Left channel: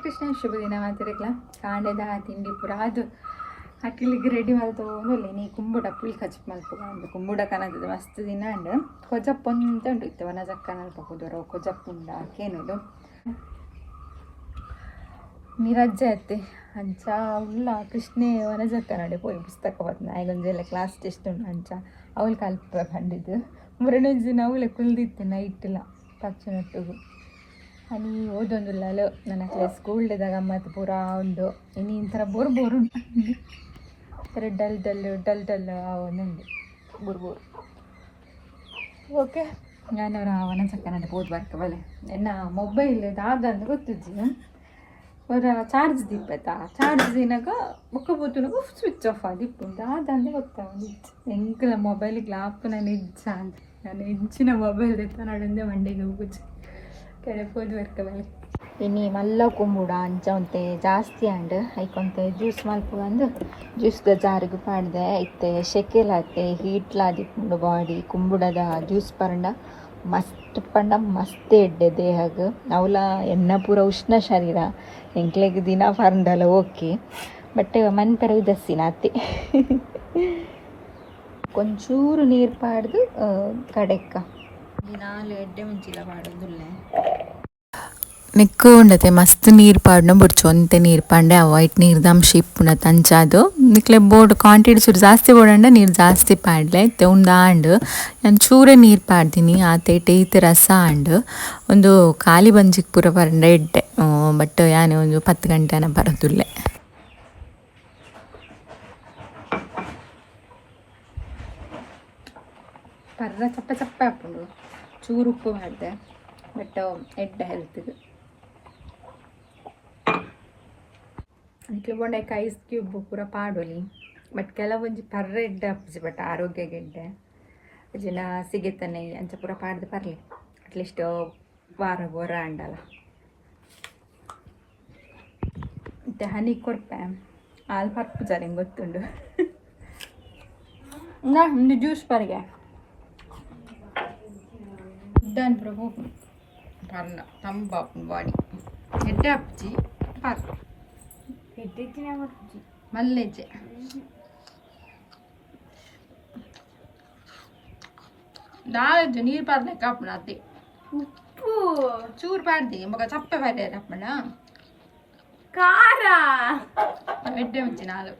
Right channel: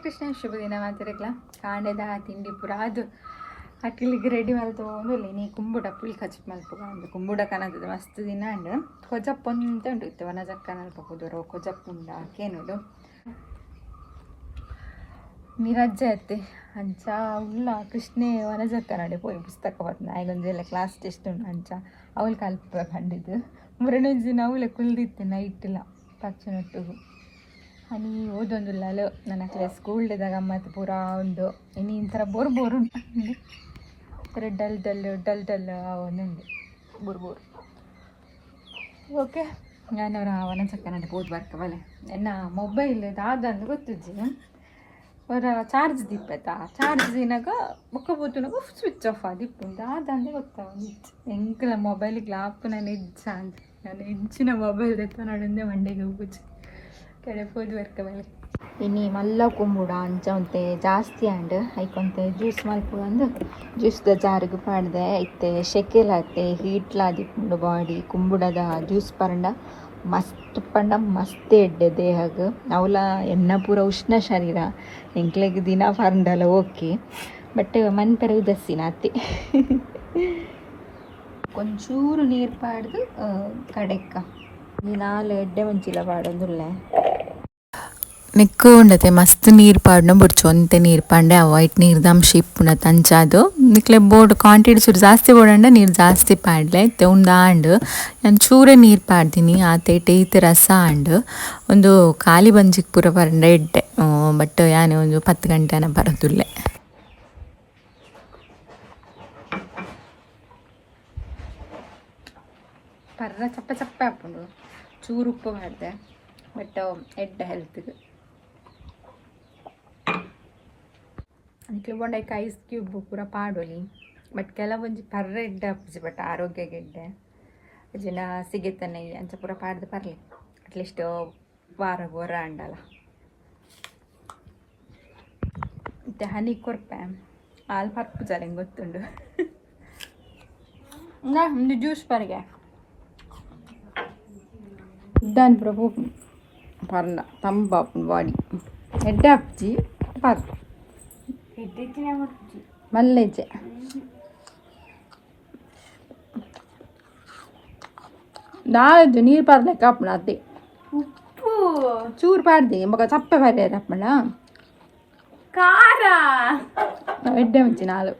ಕೃಷ್ಣ ಶುಭ ದಿನ ಮಾತಿರಕ್ಲ ಕಾಂಡೆದ ತಿಂಡಿ ಪುರ ಅದು ಅಕ್ಕಿಲಿಗೆ ರೆಡಿ ಮಾಡಿ ತೊಗೊಂಡು ನೀ ಕುಂಬುಡ ಪುಲ್ ಕಚ್ಚಪ್ ಮಲ್ಪುಗ ಒಂದು ಕುಂಬುಡ ಕನದ ಮಸ್ತ್ ದಿನ ಅಂಡ್ ಕೊಜಪ್ಪು ಅಂತ ಉಂಟು ಇತ್ತು ವನ ಜಕ್ಕ ನಲ್ಪುದರ ಕೊಜಪ್ಪು ಉಂಡ ಕೇನುಡು ನಿರಜ್ಜೆ ಅತ್ತೆ ಅಂಚ ಉಲ್ಲ ಕೃಷ್ಣೆ ವನ ಜಕ್ಕ ನಡೆ ಪೋಯಿ ಪುಸ್ತಕ ಬರ್ತನ ಆಯ್ಗೊಂದೆಲ್ಲ ಕ್ಲಾಸ್ ಟೆಸ್ಟ್ ಉಂಟು ಅಂಚ ಅವಳು ಕಲ್ಪ ಕಂಡಿದ್ದು ಮುರಣಜಿನ ಅವಳೆ ಕುಲ್ದಿತ್ತು ನೈಟಿಲ್ಲ ಪಚ್ಚನೊಟ್ಟಿಗೂ అని ఓదొందులలో ನನಗೆ ಸ್ಕೂಲ್ ಡೇದಾಗ ಗಮ್ಮತ್ತು ಪೂರ ಉಂಡು ಇನ್ನು ಇಂಥರ ಬೋರು ಉಂಟು ಥರ ಡಲ್ ಒಂದುಂಡು ಬೋರು ಓಕೆ ನಾನು ಅವನ ಚಕ್ಕನಂತ ಹೋದ್ ಬರ್ಕವಲೆ ಎನ್ನ ಮೊಬೈಲ್ ದಾದಂದು ಗೊತ್ತಿದ್ದಿ ಅವರ ಚಾರ್ಜ್ ದಿಪ್ಪತ್ತಾ ಚಾರ್ಜ್ ದಿನಾಗ ಬುಕ್ಕ ಬೋತುನಾಗ ಸ್ವಿಚ್ ಆಫ್ ಆದಿಪ್ಪು ದಾದಂದೆ ಗೊತ್ತಾಗಿತ್ತು ಎಂಕಲ ಮೊಬೈಲಿಗೆ ಲಾಪ್ ನಾನು ಇಜ್ಜ ಅಂತ ನಾನು ಇಂಚಿನ ಮೊಬೈಲ್ ತೆತ್ತ ನಡಂದೆ ಮಂಡೆಗೆ ಹೋಗುದು ಕೆಳಪೋದು ಬರ್ಕವಲೆ ಇನ್ನು ಮಲ್ಲ ಕುಂಬುಡ ಅಂಚ ಒಂತೆ ಜಾಸ್ತಿ ಆಂಡ್ ಐಕೊಂತೆ ಜ್ಯೂಸ್ ಮಲ್ಪುಗಂದು ಜ್ಯೂಸ್ದ ಜಾರಿಗೆ ಪಾಡ್ದೆ ಐತೆ ಶೆಕೆಲಾತೆ ಹೀಟ್ಲಾದಿಪ್ಪುಂಡು ಬಾಡಿ ಕುಂಬುಡದ ಜ್ಯೂಸ್ ಪರಂಡ ಮಸ್ತ್ ಪಂಡ ಮಸ್ತ್ ಎಡ್ಡೆ ದೇಹಗ ಅವಲ ಎನ್ನ ಪೂರ ಉಷ್ಣ ಶರೀರ ಎಂಕ್ಲೆಗ್ ದಿನ ಪರಂಡಲ್ಲ ಓಕೆ ಬಟ್ ಮನ್ಪರ ಇದಸ್ಸಿನ ಅತ್ತೆ ಒಂಚೂರು ನೀರು ಪಾಡ್ದು ಕಡೆಕ್ಕ ನೀನಾಲು ಎಡ್ಡೆ ಮುಂಚಿಲ ಪಾಡೋದುಲ್ಲೆ ನೆಕ್ಕು ಉಂಡತೆ ಮಸ್ತ್ ನೀರು ಪಾಡ್ನ ಬಿಡ್ಚು ಒಂತೆ ನೀರು ಪಾಂಡೆ ವೈಟ್ ನೀರ್ದ ಅಂಶ ಇಪ್ಪುನ ತಂಚಾದು ನಿಕ್ಲೆ ಬೋರ್ಡ್ ಕ್ವಾಂಟಿಟಿ ಚೂರು ಜಾಸ್ತಿ ಬೋಡಂಡ ನೀರು ಜಾಸ್ತಿ ಪಾಡ್ಲೆ ಇತ್ತೆ ಉಂಡಾಂಡ್ ನಾನು ಚೂರೇ ನೀರು ಪಾಡ್ತೀನಿ ಆತೆ ಟೇತ್ ರಸ ಆಂಡ್ ಒಂದು ಖಾಲಿ ಬಂಜಿಗೆ ಪೂರ ಬರಂಡ ಎಡ್ಡೆ ಬಟ್ ಯಾನೆ ಒಂದು 10 ಗಂಟೆನ ಬರೋದುಲ್ಲೆ ಪರ್ರ ಚಪ್ಪ ಹಾಕೊಂಡು ಚೂರು ಉಪ್ಪು ಮಾಡಿದೆ ಬಟ್ ಎಡ್ಡ ಹೆಲ್ತ್ಗೆ ಅದಕ್ಕೆ ಬೊಂಡಕ್ಕೆ ಐಸ್ ಕ್ಯೂಬ್ ಪೂರ ಪಾಡೋಲಿ ಬಟ್ ಕೆಲವೊಂದು ಪರ್ರ ಎಡ್ಡೆ ಹಪ್ಪಿಸಿ ಬಟ್ ಆರೋಗ್ಯಗೆ ಎಡ್ಡೆ ಜನ ಸಿಗುತ್ತಾನೆ ಅಂಚ ಪೂರ ಪಾಡ್ದು ಪರ್ಲಿ ಅಟ್ಲೀಸ್ಟ್ ವಾರ ಅಂಡಲ್ಲ ಮತ್ತು ಹನಿ ಕೊರ್ಪೆ ಹಾಲು ಪರ್ಪು ಜಲ ಹಿಂಗೆ ಗೊತ್ತುಂಡು ಒಂದು ಜ್ಯೂಸ್ ಪರ್ಗೆ దాని ప్రభు పర్ల తంబాపు బాడీ ఎడ్డ అప్చి పర్ మళ్ళీ దాదు నీరు పర్లేక అప్పుడు అదే ఉప్పు చూరు పాడిది ఒక చప్ప పర్లేదు అప్పుడు కారా ఎడ్డ మంచి నాలుగు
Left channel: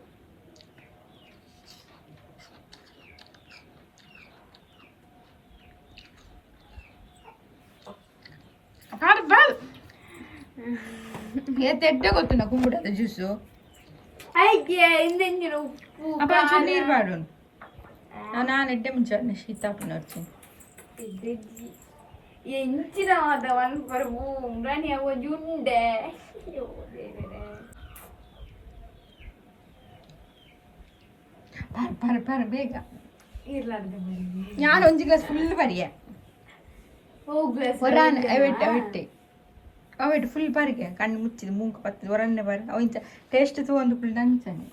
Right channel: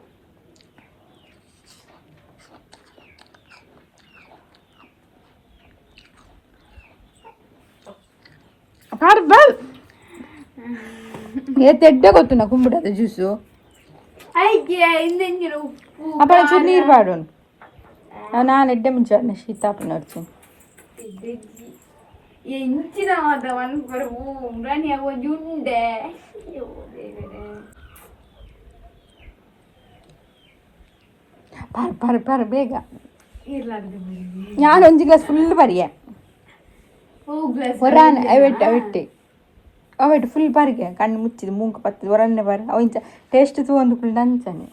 ಎಡ್ಡೆ ಗೊತ್ತು ನಾ ಕುಂಬಿಡದ ಜ್ಯೂಸು ಅಪ್ಪ ಚೂರು ನೀರು ಪಾಡು ನಾನು ಎಡ್ಡೆ ಮುಂಚೆ ಶೀತಾಪ ನೋಡ್ತೀನಿ ಪರ ಬೇಗ ನಾನು ಒಂದು ಗ್ಲಾಸ್ ಫುಲ್ ಬರಿಯೆ ಅವಟ್ಟು ಫುಲ್ ಬಾರಿಗೆ ಕಣ್ಣು ಮುಚ್ಚಿದ್ದು ಮೂಂಕ ಪತ್ತದು ಹೊರನ್ನೇ ಬಾರಿ ಅವ ಇಂಚ ಟೇಸ್ಟ್ ಒಂದು ಫುಲ್ ಅಂಚಾನೆ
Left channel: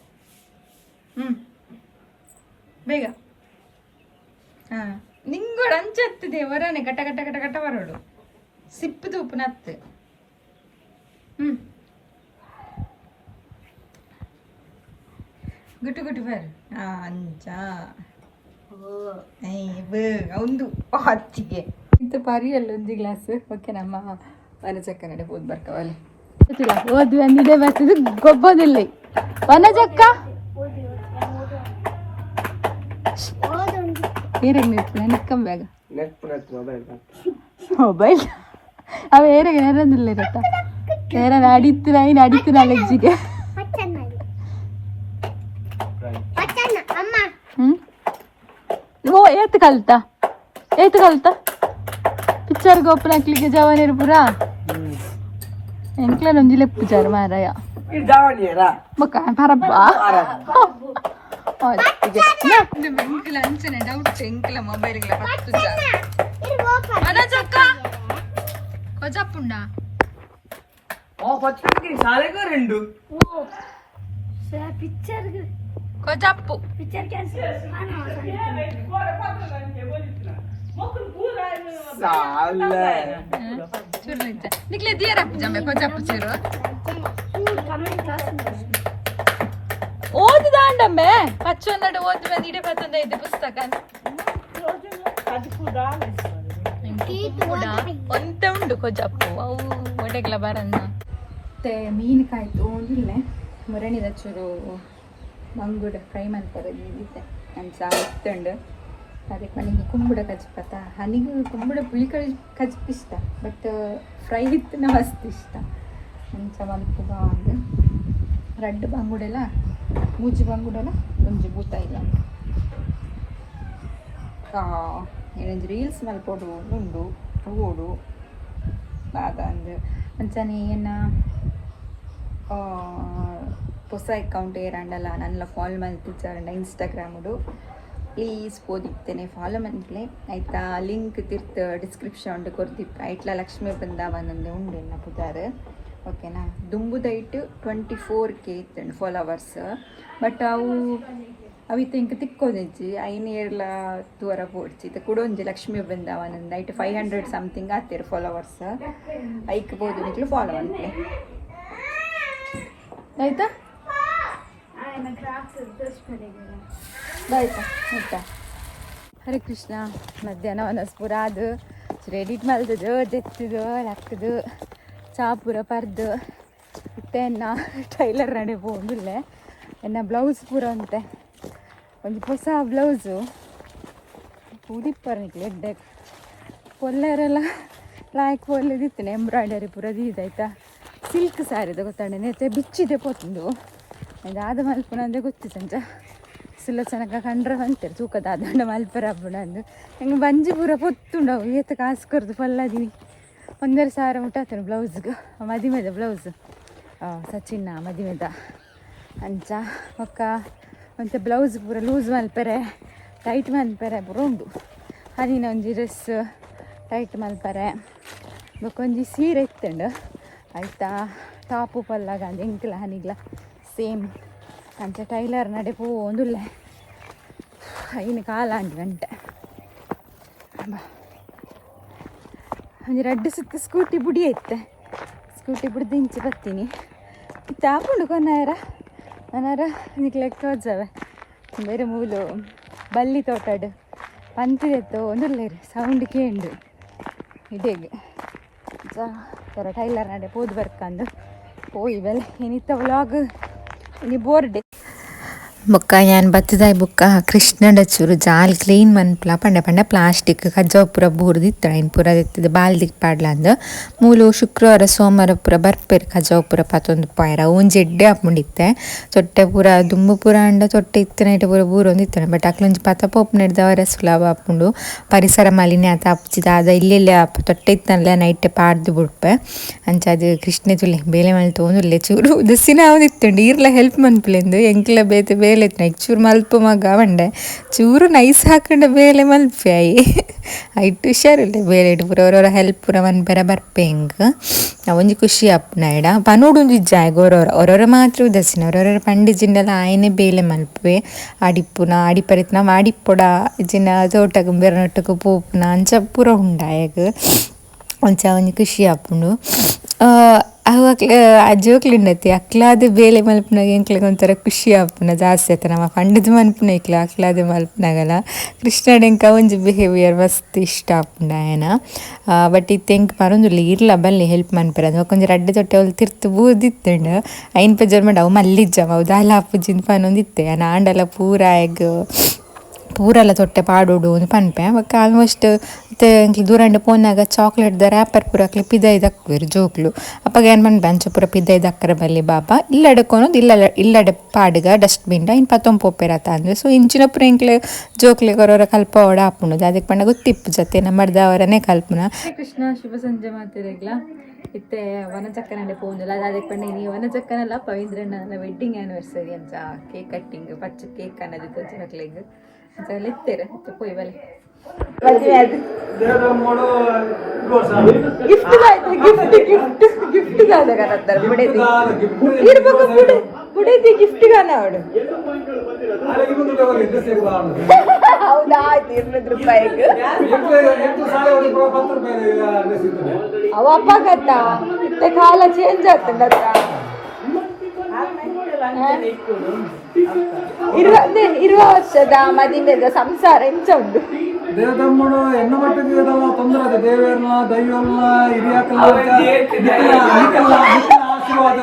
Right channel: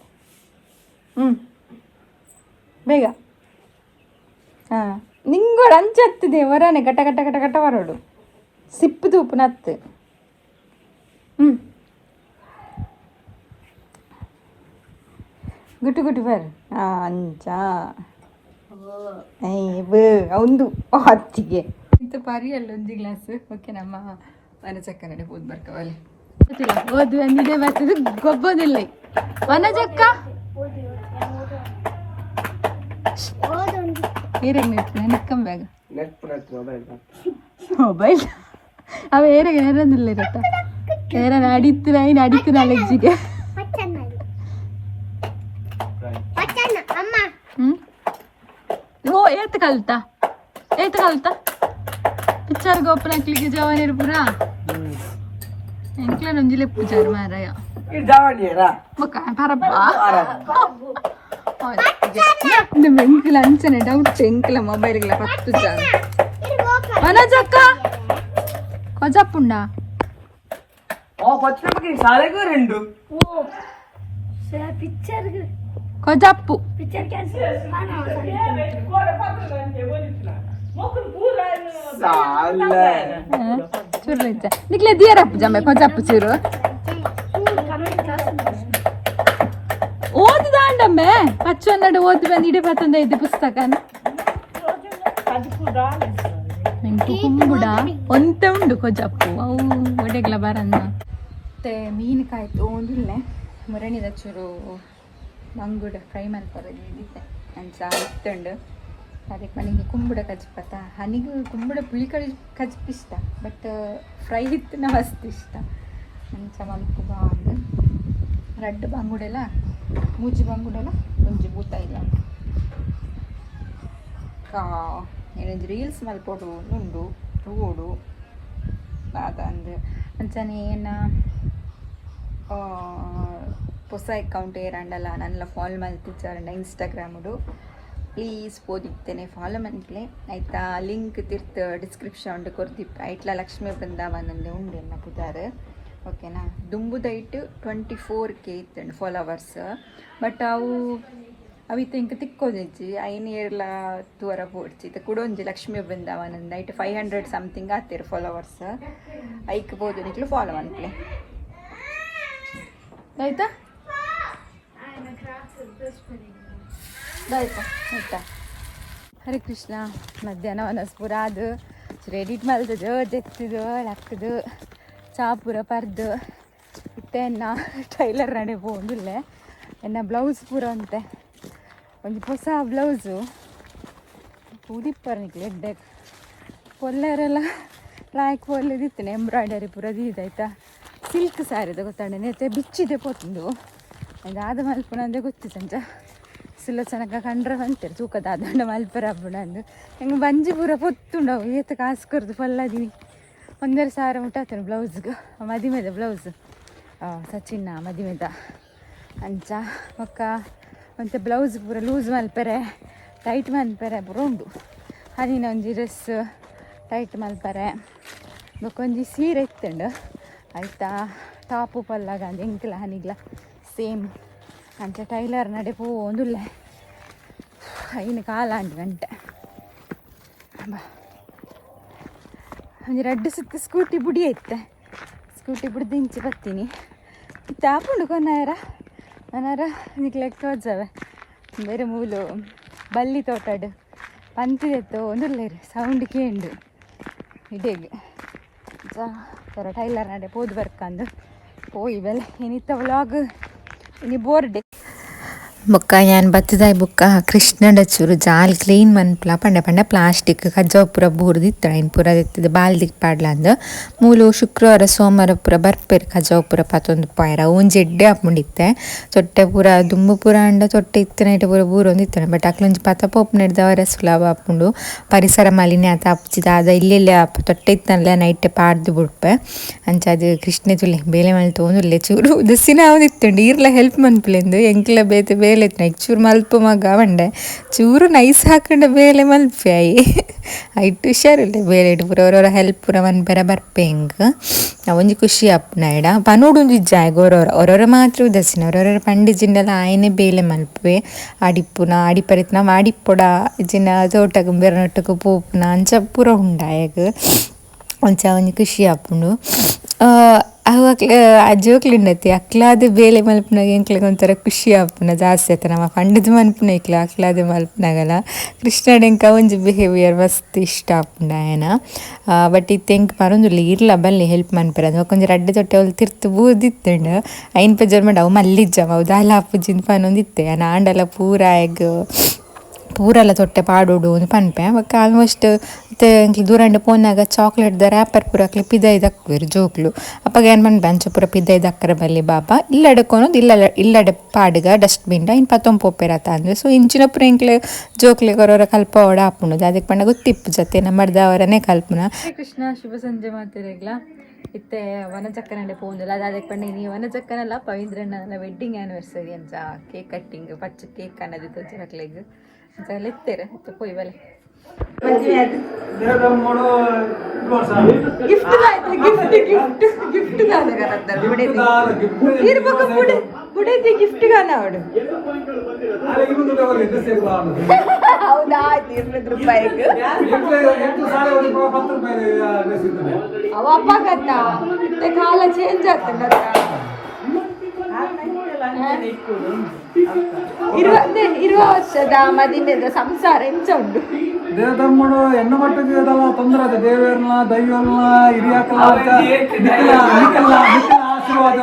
ಬೇಗ ಹಾಂ ನಿಂಗೋಡು ಅಂಚತ್ತದೆ ಹೊರನೆ ಕಟ ಬರೋಡು ಸಿಪ್ಪದು ಉಪ್ಪು ನತ್ತು ಗುಟ್ಟು ಬರ್ ಅಂಚ ಒಂದು ಹತ್ತಿಗೆ ಇಂತ ಪರಿಯಲ್ಲ ಒಂದು ಗ್ಲಾಸ್ ಓಕೆ ನಮ್ಮ ವನ ಚಕ್ಕ ನಡೆ ಹೋದ್ ಬರ್ಕವಲ್ಲಿ ಓದು ಒಂದಿದೆ ಬರ್ತಿದ್ದು ಗೊಬ್ಬದಿಲ್ಲ ವನ ಚಕ್ಕ ನಿಕ್ಕಂಬೇಗ ಮೊಬೈಲ್ ಅವ ಏರಿಗೆ ನೆರಂದಿಲ್ಲ ಇರತ್ತ ಏರ ನಡೀತು ನಾಲೆಜ್ಜಿಗೆ ಓ ಏತು ಕಲ್ತ ಪಿಕ್ಚರ್ ಗೋಪನ ಹಾಕ್ಲಿಕ್ಕೆ ಜವಾನಿರು ಪುರ ಎಂಕ್ಲ ನೊಂಜಿಲೆ ಪಿಕ್ಚರ್ ಮಾರಾಯ ಮುಖ ಪರಪ್ಪ ಎಂಕ್ಲ ಅಂಚನೆ ಡೌಟ್ ಎಂಕ್ಲ ಮೊಬೈಲ್ಗಳ 10 ಜನ ಮನಜಕ್ಕ ಕೊಜಪ್ಪುಂಡ ಕೊಜಪ್ಪು ಸುರ್ರಿಚ್ಚ ನಿಕ್ಲೆ ದಿಯರಪ್ಪು ಜಮ್ಮೆ ಕೊಜಪ್ಪು ಚೂರು ಓದಿದಾಂಡಮ್ಮೆ ಪಚ್ಚೊನ್ನಡು ಓದಿದ ಇಡೀ ಪತ್ತೊಂದು ಐದು ಪುಸ್ತಕನ ಕುಂಬುಡ ಒಂತೆ ಉಂಡು ಕೊಜಪ್ಪು ಅವು ಒಡೆಗ್ಲ ಬರಣ್ಣ ಮತ್ತೆ ಮೀನು ಕಾಯ್ತು ಒಂದಿಲ್ಲ ಮುರಣಿದ ಚೂರು ಮಂಗುಡ ಫ್ರೈ ಮಲ್ಪರದಿದ್ದೆ ಅಂಚ ಇತ್ತುಂಡು ಅದಕ್ಕೆ ಮನೆಗೆ ಕುಂಬುಡ ಕಚ್ಪತ್ತ ಹನಿಗೂ ಕುಂಬುಡ ಪುಳಿ ಕಚ್ಪ ಇಷ್ಟ ಬಟ್ ಫ್ರೈ ಇತ್ತು ನಾವು ಅಷ್ಟು ಇಷ್ಟ ಅಂಚ ಮಲ್ಪು ಬಾಂಡು ರಡ್ಡು ಬಂಗುಡೆಲ್ಲ ಮೂಜಿ ಬಂಗುಡೆಲ್ಲ ಒಂಜಿ ಬೂತ ಇಲ್ಲ ಏನಂದು ರೀಲ್ಸ್ ಮಲ್ಪೊಡು ಉಂಡು ಓಡು ಅದಂದು ಅಂಚನೆ ಏನ ಹೊಸ ಅಕೌಂಟ್ ಏರಂಡಲ್ಲ ನನ್ನ ಫಾಲೋ ಮಲ್ತಿಚ್ಚಾರಂಡ ಇನ್ಸ್ಟಾಗ್ರಾಮುಡು ಪ್ಲೀಸ್ ಓದಿತ್ತೇನೆ ಫಾಲೋ ಮನ್ಪ್ಲೆ ಆಯ್ತಾ ಲಿಂಕ್ ತಿರ್ತು ಡಿಸ್ಕ್ರಿಪ್ಷನ್ ಕೊಡ್ತಿಪ್ಪ ಐಟ್ಲ ಲಕ್ಷ್ಮೀ ಬೃಂದಾವನಂದು ಉಂಡು ಎನ್ನ ಪುದಾರ್ ಓಕೆನಾ ದುಂಬುದೈಟು 24K ಇತ್ತು ಫಾಲೋವರ್ಸ್ ಬಟ್ ಅವಿತ್ತು ಇಂಕ ತಿಕ್ಕೋದಿಜ್ಜಿ ಐನೇರ್ಲ ತೂರ ಪೋಡ್ಚಿ ಇದು ಕುಡೊಂಜಿ ಲಕ್ಷ್ಮೀ ಬೃಂದಾವನಂದು ಐಟ್ 500 ಸಮಥಿಂಗ್ ಆತಿರು ಫಾಲೋವರ್ಸ್ ಐಕ್ ಬೋದು ನಿಕ್ಲು ಫಾಲೋ ಮನ್ಪ್ಲೆ ಆಯ್ತಾ ಆಯ್ತಾ ಆಯ್ತಾ ಹರೇ ಕೃಷ್ಣ ಮಧ್ಯಾಹ್ನ ಪೂರ ಅದು ರೆಡಿಟ್ ಮಲ್ತದು ಜೆತ್ತಿದು ಲಕ್ಕದು ಚಾಪುರ ಪರ್ದು ಇತ್ತೆ ಎನ್ನ ಟೈಲರ್ ನಡೆ ಹೋಗಿಲ್ಲ ಎನ್ನ ಬ್ಲೌಸ್ ಪೂರ ಅಂತೆ ಒಂದು ಹೊಸ ಬ್ಲೌಸು ಉದಿಪ್ಪರ್ ನಿಕ್ಲೆ ಎಡ್ಡೆ ಪೊಲ್ಲೆರೆಲ್ಲ ಲಾಯ್ಕ್ ಪೊಲ್ಲೆದಿತ್ತೇನೆ ಎಂಬ್ರಾಯ್ಡರಿ ಪೂರ ಇದಾಯ್ತಾ ಸಿಲ್ಕ್ ಸ್ಯಾರಿದು ಗೊತ್ತಾಂಡೆ ನೇತೆ ಬಿಚ್ಚಿದೆ ಪೋತುಂಡು ಅದಾದ ಮಲ್ಪುಣ ಅಂದರೆ ಗೊತ್ತಿತ್ತಂಚ ಸುಲೋಚನಕ ಕಂಡ್ರೆ ಅಂತಾರೆ ತೂಕದ ಆದಂಡ ಮಲ್ಪರ ಹಬ್ಬಣ ಅಂದು ಹೆಂಗೆ ಬಂಜಿ ಪೂರ ಪೊತ್ತುಂಡವು ಏತ ಕಾಸು ಕೊರ್ದು ಪಲ್ಲದಿ 1,500 ಮುಟ್ಟಾತೇನೆ ಬ್ಲೌಸ್ಗೆ ಮದಿಮೆದ ಬ್ಲೌಸು ಸಚಿನ್ನ ಮದಿಮೆದ ಅಂಚ ಒಕ್ಕ ಒಂಚ ಬ್ಲೌಸ್ ಪೂರ ಲೂಸ್ ಮಲ್ಪರೆ ಟೈಟ್ ಮಲ್ಪರೆ ಪೂರ ಉಂಡು ಹನಿನ ಒಂಜಿ ಡ್ರೆಸ್ ಟೈಟ್ ಮಲ್ಪರೆ ಬೊಕ್ಕೊಂಜಿ ಸೀರೆ ಇತ್ತುಂಡು ಆಯ್ತಾ ಟಾಪು ಪಲ್ಲಾಗ ಅಂದು ಎಂಕ್ಲ ಹನಿಗ್ಲ ಸೇಮ್ ಅಂಚ ಟೈಲರ್ ನಡೆ ಪೋಂದುಲ್ಲೆ ಐನು ಕಾಲ 5 ಗಂಟೆ ಒಂದು 2 ಸುತ್ತು ಸ್ಕೂಟಿ ಬುಡಿ ಐತೆ ಸ್ಕೂಟಿ ಬುಡ್ದು ಇಂಚಿ ಬರ್ತೀನಿ ಇತ್ತು ಹಾಕೊಂಡು ಕೊನಾರ ನಾನಾರ ನಿಕ್ಲೆಕ್ಕ ಹೋದ್ಸವೆ ಬೇರೆ ಮೂಲು ಬಲ್ಲಿ ತೋಟಾಡು ಪಂತಿದೆತ್ತು ಒಂದುಲ್ಲೇರು ಸೌಂಡ್ ಕೇಂಡು ಇಡೇಗೆ ಸರ ಟೈಲರ್ ನಡೆ ಪೋದು ಬರ್ಕಂದು പോയി വെൽ ഇനിത്തെ വ്ളോഗ് ഇനി ബോർഡ് ಬೊಕ್ಕ ನಾನು ಬತ್ತದಾಯಿ ಬೊಕ್ಕ ಕೃಷ್ಣಂಡ ಚೂರು ಜಾಲ್ ಕ್ಲೀನ್ ಮನ್ಪುಲ ಪಂಡೆ ಪಂಡೆ ಪ್ಲಾಸ್ಟಿಕ್ ಕಜ್ಜಾವ್ ಪೂರ ಬೂರ್ದಿತ್ತು ಆಯ್ನು ಪೂರ ದಿತ್ತದ ಬಾಲ್ದಿಗೆ ಪಾಡ್ಲಂದು ಮೂಲು ಶುಕ್ರವಾರ ಸೋಮವಾರ ಪೂರ ಬರ್ಪೇರು ಕಜ್ಜಾವ್ ಪೂರ ಪತ್ತೊಂದು ಪಾಯ್ರ ಒಂಜಿ ಎಡ್ಡೆ ಹಾಕೊಂಡಿತ್ತೆ ತೊಟ್ಟೆ ಪೂರ ದುಂಬು ಪೂರ ಅಂಡ ತೊಟ್ಟೆ ಇತ್ತು ನೈಟ್ ಪೂರ ಬೂರೊಂದಿತ್ತಾನೆ ಬಟ್ ಅಕ್ಲೊಂಜಿ ಪತ ಪೋಪ್ ನಡೆದವರ ಸುಲಭ ಹಾಕೊಂಡು ಪರಿಸರ ಮಾಲಿನ್ಯ ಆತ ಹಪ್ಚಿದ ಅದ ಇಲ್ಲೆಲ್ಲ ತೊಟ್ಟೆ ಇತ್ತನಲ್ಲ ನೈಟ್ ಪಾಡ್ದು ಬಿಡ್ಪೆ ಅಂಚ ಅದು ಕೃಷ್ಣೆ ತುಲೆ ಬೇಲೆ ಮಲ್ ತೊಗೊಂದುಲ್ಲೆ ಚೂರು ದಸಿನ ಅವದಿತ್ತುಂಡು ಈರ್ಲ ಹೆಲ್ಪ್ ಮನ್ಪುಲೆಂದು ಎಂಕ್ಲ ಬೇತೆ ಬೇಲೆ ಚೂರು ಮಲ್ಪ ಮಗ ಬಂಡೆ ಚೂರು ನೈಸ್ ಹಾಕೊಂಡ ಬೇಲೆ ಮಲ್ಪಾಯಿ ಐಟು ಹುಷಾರಿಲ್ಲ ಬೇಲೆ ಇಟ್ಟು ಪೂರ ಅವರವರ ಹೆಲ್ಪ್ ಪೂರ ಮನ್ಪೆರ ಬರ್ಪೆ ಹಿಂಗೆ ಒಂಜಿ ಖುಷಿ ಅಪ್ಪನ ಇಡ ಪನೋಡೊಂದು ಜಾಯ್ ಅವರವರ ಮಾತ್ರ ಉದಸಿನ ಅವರವರ ಪಂಡಿಜಿಂಡೆಲ್ಲ ಆಯನೆ ಬೇಲೆ ಮಲ್ಪೆ ಆಡಿಪ್ಪುನ ಆಡಿಪರಿತ್ ನಾವು ಆಡಿಪ್ಪೊಡ ಇಜಿನ ತೋಟಕ್ಕೆ ಬೆರನೊಟ್ಟಕ್ಕೆ ಪೋಪುನ ಅಂಚ ಪೂರ ಉಂಡಾಯಗ ಒಂಚ ಒಂಜಿ ಖುಷಿ ಅಪ್ಪುಂಡು ಅವು ಅಜ್ಜೋಕ್ಲಿಂಡತಿ ಅಕ್ಲಾದ ಬೇಲೆ ಮಲ್ಪನಾಗ ಎಂಕ್ಲಿಗೆ ಒಂಥರ ಖುಷಿ ಆಪುನ ಜಾಸ್ತಿ ಆಯ್ತು ನಮ್ಮ ಪಂಡದ ಮಲ್ಪನ ಇಕ್ಲ ಅಕ್ಲಾದ ಮಲ್ಪನಾಗಲ್ಲ ಕೃಷ್ಣಡೆಂಕ ಒಂಜಿ ಬಿಹೇವಿಯರ್ ಮಸ್ತ್ ಇಷ್ಟ ಆಪುಂಡ ಆಯನ ಬಟ್ ಇತ್ತು ಎಂಕ್ ಮರೊಂದುಲ್ಲ ಇರ್ಲ ಬಲ್ಲಿ ಹೆಲ್ಪ್ ಮನ್ಪೆರ ಅದು ಕೊಂಚ ರಡ್ಡೆ ತೊಟ್ಟೆ ಅವಳು ತಿರ್ತು ಬೂದಿತ್ತುಂಡು ಐನ್ ಪಜರ್ ಮಾಡಿ ಅವು ಮಲ್ಲಿಜ್ಜವ ಅವು ದಾಲ ಅಪ್ಪುಜಿನ ಪನೊಂದಿತ್ತೆ ನಾಂಡೆಲ್ಲ ಪೂರ ಎಗ್ ಪೂರೆಲ್ಲ ತೊಟ್ಟೆ ಪಾಡೋಡು ಒಂದು ಪನ್ಪೆ ಅವಕ್ಕೆ ಆಲ್ಮೋಸ್ಟ್ ಮತ್ತೆ ದೂರಂಡ ಪೋನಾಗ ಚಾಕ್ಲೇಟ್ದ ರ್ಯಾಪರ್ ಪೂರ ಅಕ್ಲಿ ಪಿದೈದು ಹಾಕ್ಬೇರು ಜೋಕ್ಲು ಅಪ್ಪಾಗ ಏನು ಪನ್ಪೆ ಅಂಚ ಪೂರ ಪಿದೈದು ಹಾಕರ ಬಲ್ಲಿ ಬಾಬಾ ಇಲ್ಲಡಕ್ಕೊನೋದು ಇಲ್ಲಡೆ ಪಾಡ್ಗ ಡಸ್ಟ್ಬಿನ್ಡ ಇನ್ನು ಪತ್ತೊಂದು ಪೋಪೆರತ್ತ ಅಂದರೆ ಸೊ ಇಂಚಿನ ಪೂರ ಇಂಕ್ಲೆ ಜೋಕ್ಲೆ ಕೊರೋರ ಕಲ್ಪ ಓಡ ಹಾಪುಣದು ಅದಕ್ಕೆ ಪಂಡ ಗೊತ್ತಿಪ್ಪು ಜೊತೆ ನಮ್ಮಡ್ದವರನೇ ಕಲ್ಪನ ಕೃಷ್ಣ ಶುಭ ಸಂಜೆ ಮಾಡ್ತಿರಲಿಲ್ಲ ಇತ್ತೆ ವನಚಕ್ಕನಲ್ಲೇ ಪೋಂದಿಲ್ಲ ಅದು ಅದಕ್ಕೆ ಪಂಡ ನೀವು ವನಚಕ್ಕನಲ್ಲ ಪವೀಂದ್ರನ ವೆಡ್ಡಿಂಗ್ ಆ್ಯನಿವರ್ಸರಿ ಅಂತ ಕೇಕ್ ಕಟ್ಟಿಂಗ್ ಪಚ್ಚ ಕೇಕ್ ಅನ್ನೋದಿತ್ತು ಚಕ್ಲೆಗ್ ಅಂತ ಇತ್ತೇರ ಇತ್ತು ಪೋಯ್ ಬಲೆ ಗಿಫ್ಟ್ ಗಾದ ಕರತ್ತಾರೆ ಬುಡೆದಿ ಇರ್ಬೇಕು ಬುಡೆದಿ ಗಿಫ್ಟ್ ಗಾನ ಅವಡು ಆಯ್ತು 200 ರೂಪಾಯಿಗೆ ಅವ ಅಪ್ಪ ಕತ್ತ ಕಾಲ ಚೇಂಜ್ ಆಗ್ತದ ಇರುವ ವರ್ಷದ ಮದಿಮೆದ ಸಂಸಾರ ಎಂಚ ಉಂಟು ದೇವ ತಮ್ಮಡು ಎನ್ನ ಮಟ್ಟದ ತೊಂದರೆ ಅದು ದೇವರನ್ನ ದೈವರನ್ನ ಹಿರಿಯಾಕಲ್ಲ ಆಶೀರ್ವಾದ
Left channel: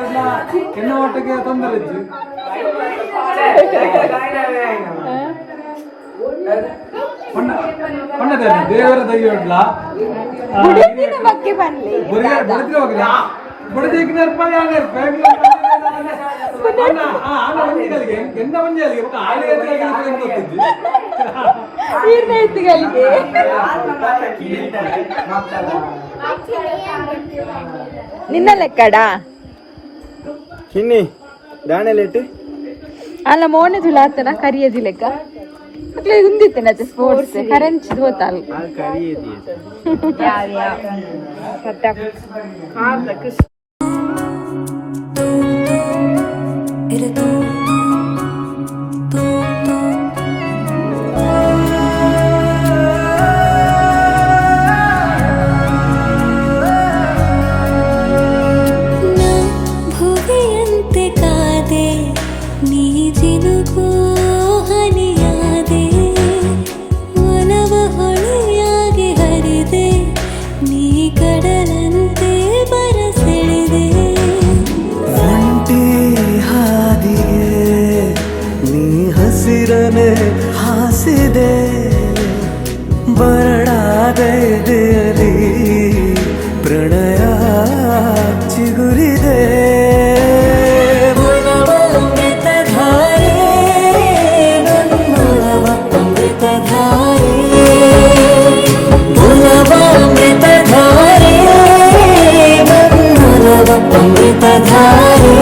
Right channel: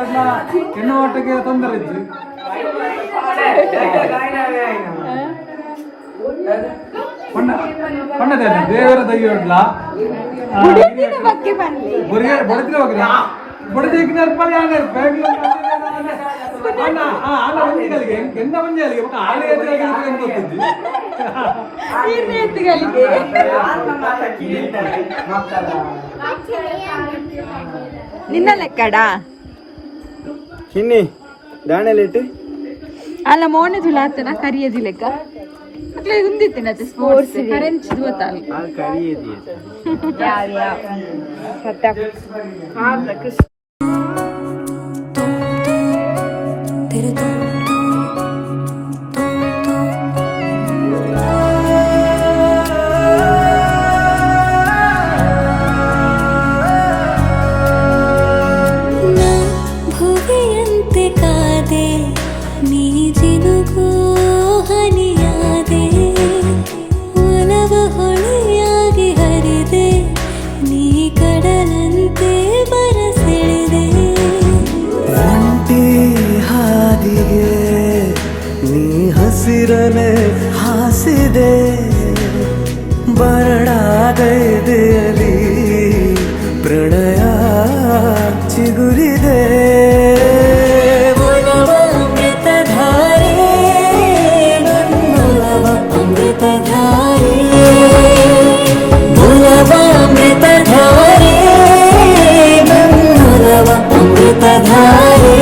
ಎನ್ನ ಮಟ್ಟಿಗೆ ತೊಂದರೆ ಇದ್ದು ದೇವರ ದೈವ ಇಲ್ಲ ಬಡದೇಕಿ ನಿನ್ನ ಲೆಕ್ಕಡ ಚಿನ್ನಿ ದಾಣೆಲಿಟ್ಟು ಅಲ್ಲ ಮೋಣದಿಲ್ಲ ಆತನ ಕರಿಯದಿ ಲೆಕ್ಕ ಉಂದಿತ್ತೇನೆ ಅದು ಸ್ಪೋರ್ಟ್ಸ್ ಕರೆನ್ಸಿ ಗೊತ್ತಲ್ಲ ಹಸಿರನೆ ಹಾಸಿದೆ ಬರಡಾಗೈದೆಯಲಿ ಪ್ರಣಯ ಚಿಗುರಿದೆ ಅಮೃತಧಾರೆ ನನ್ನೊಲವ ಅಮೃತಧಾರೆ ಮುಲವ ಅಮೃತಧಾರೆ ನನ್ನೊಲವ ಅಮೃತಧಾರೆ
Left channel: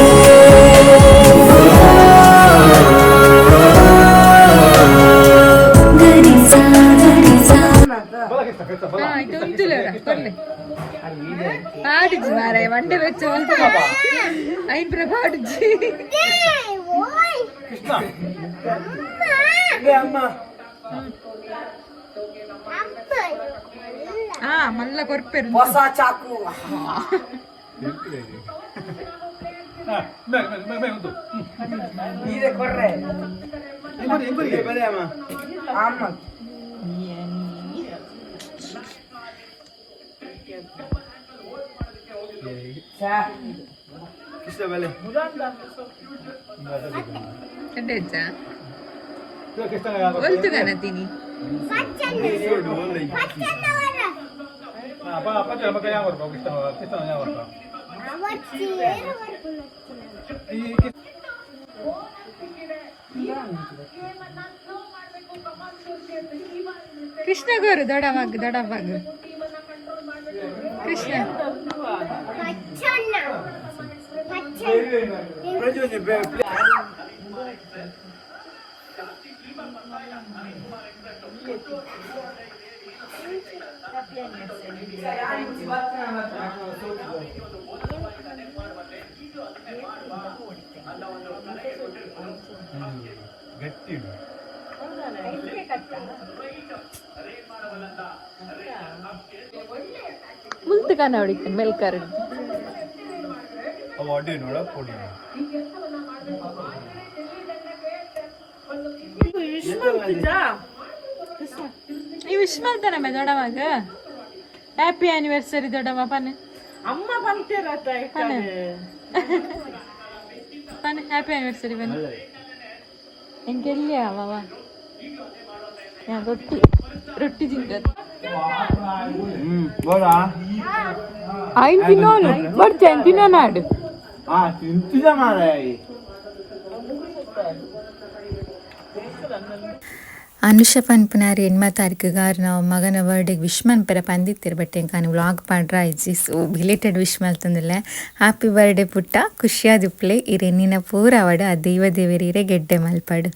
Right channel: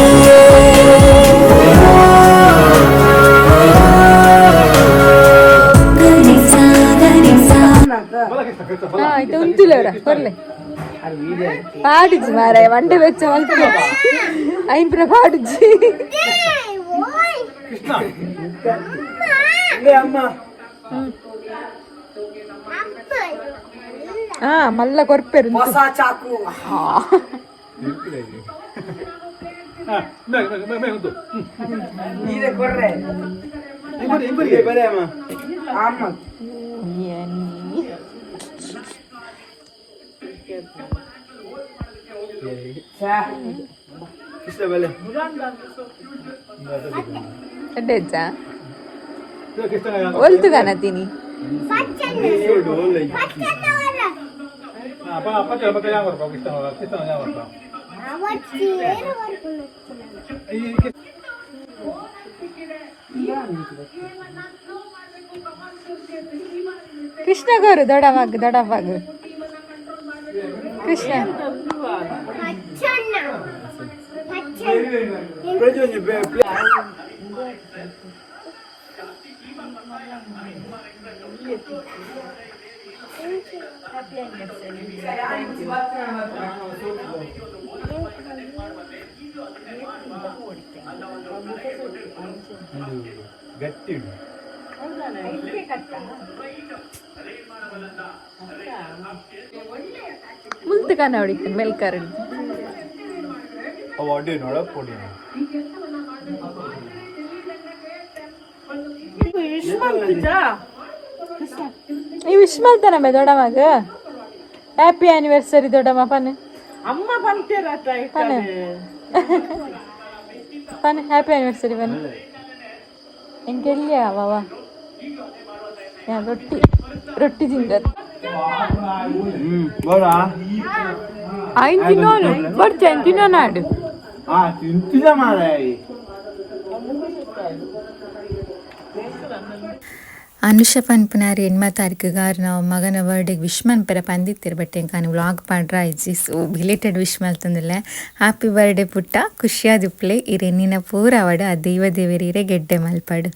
పాడిచి మారాయ వంట వెచ్చ అయిన పాడిచి మళ్ళా కొరిపారు ಒಲ್ತುಗಾನ ತಿನಿ ಕೃಷ್ಣ ಗೋರು ದೊಡವಾಗ ಕೃಷ್ಣ ಗಟ್ಟಿ ಮುಂದಕ ನೋಡಿ ಮೆಲ್ಕರ್ ಅವಾರ್ಡ್ ನೋಡ ಕೊಡಿ ನೀವು ವಿಶ್ ಮಾಡ್ತಾನಮ್ಮ ದೊಡ್ಡಮ್ಮಗ ಹ್ಯಾಪಿ ಆನಿವರ್ಸರಿ ದೊಡ್ಡಮ್ಮ ಪನ್ ಅಮ್ಮ ಪನ್ ಹ್ಯಾಪಿ ಆನಿವರ್ಸರಿ ಪನ್ ಎಂಗೆಲ್ಲ ಬಾಬಾ ರೊಟ್ಟಿ ತಿಂತಾರೆ ಅನುಷ ಪನ್ಪುನಾರಿ 8ನೇ ತಾರೀಕಿಗಾರು ನಾವು ಮಗನ ಬರ್ಡೇಗೆ ವಿಶ್ ಮನ್ಪೆರ ಪಂದಿತ್ತಿರ್ಬಟ್ಟೆ ಕಾನು ವ್ಲಾಗ್ ಪಾಡ್ರ ಇಜ್ಜಿ ಸೊ ಬಿಲೇಟೆಡ್ ವಿಶ್ ಮಲ್ತಂದಿಲ್ಲ ಹ್ಯಾಪಿ ಬರ್ಡೇ ಪುಟ್ಟ ಖುಷಿಯಾದಿಪ್ಲೆ ಇರೆ ನಿನ್ನ ಪೂರ ಅವಡ ಆ ದೇವ ದೇವರೀರೆ ಗೆಡ್ಡೆ ಮಲ್ಪಾಡು.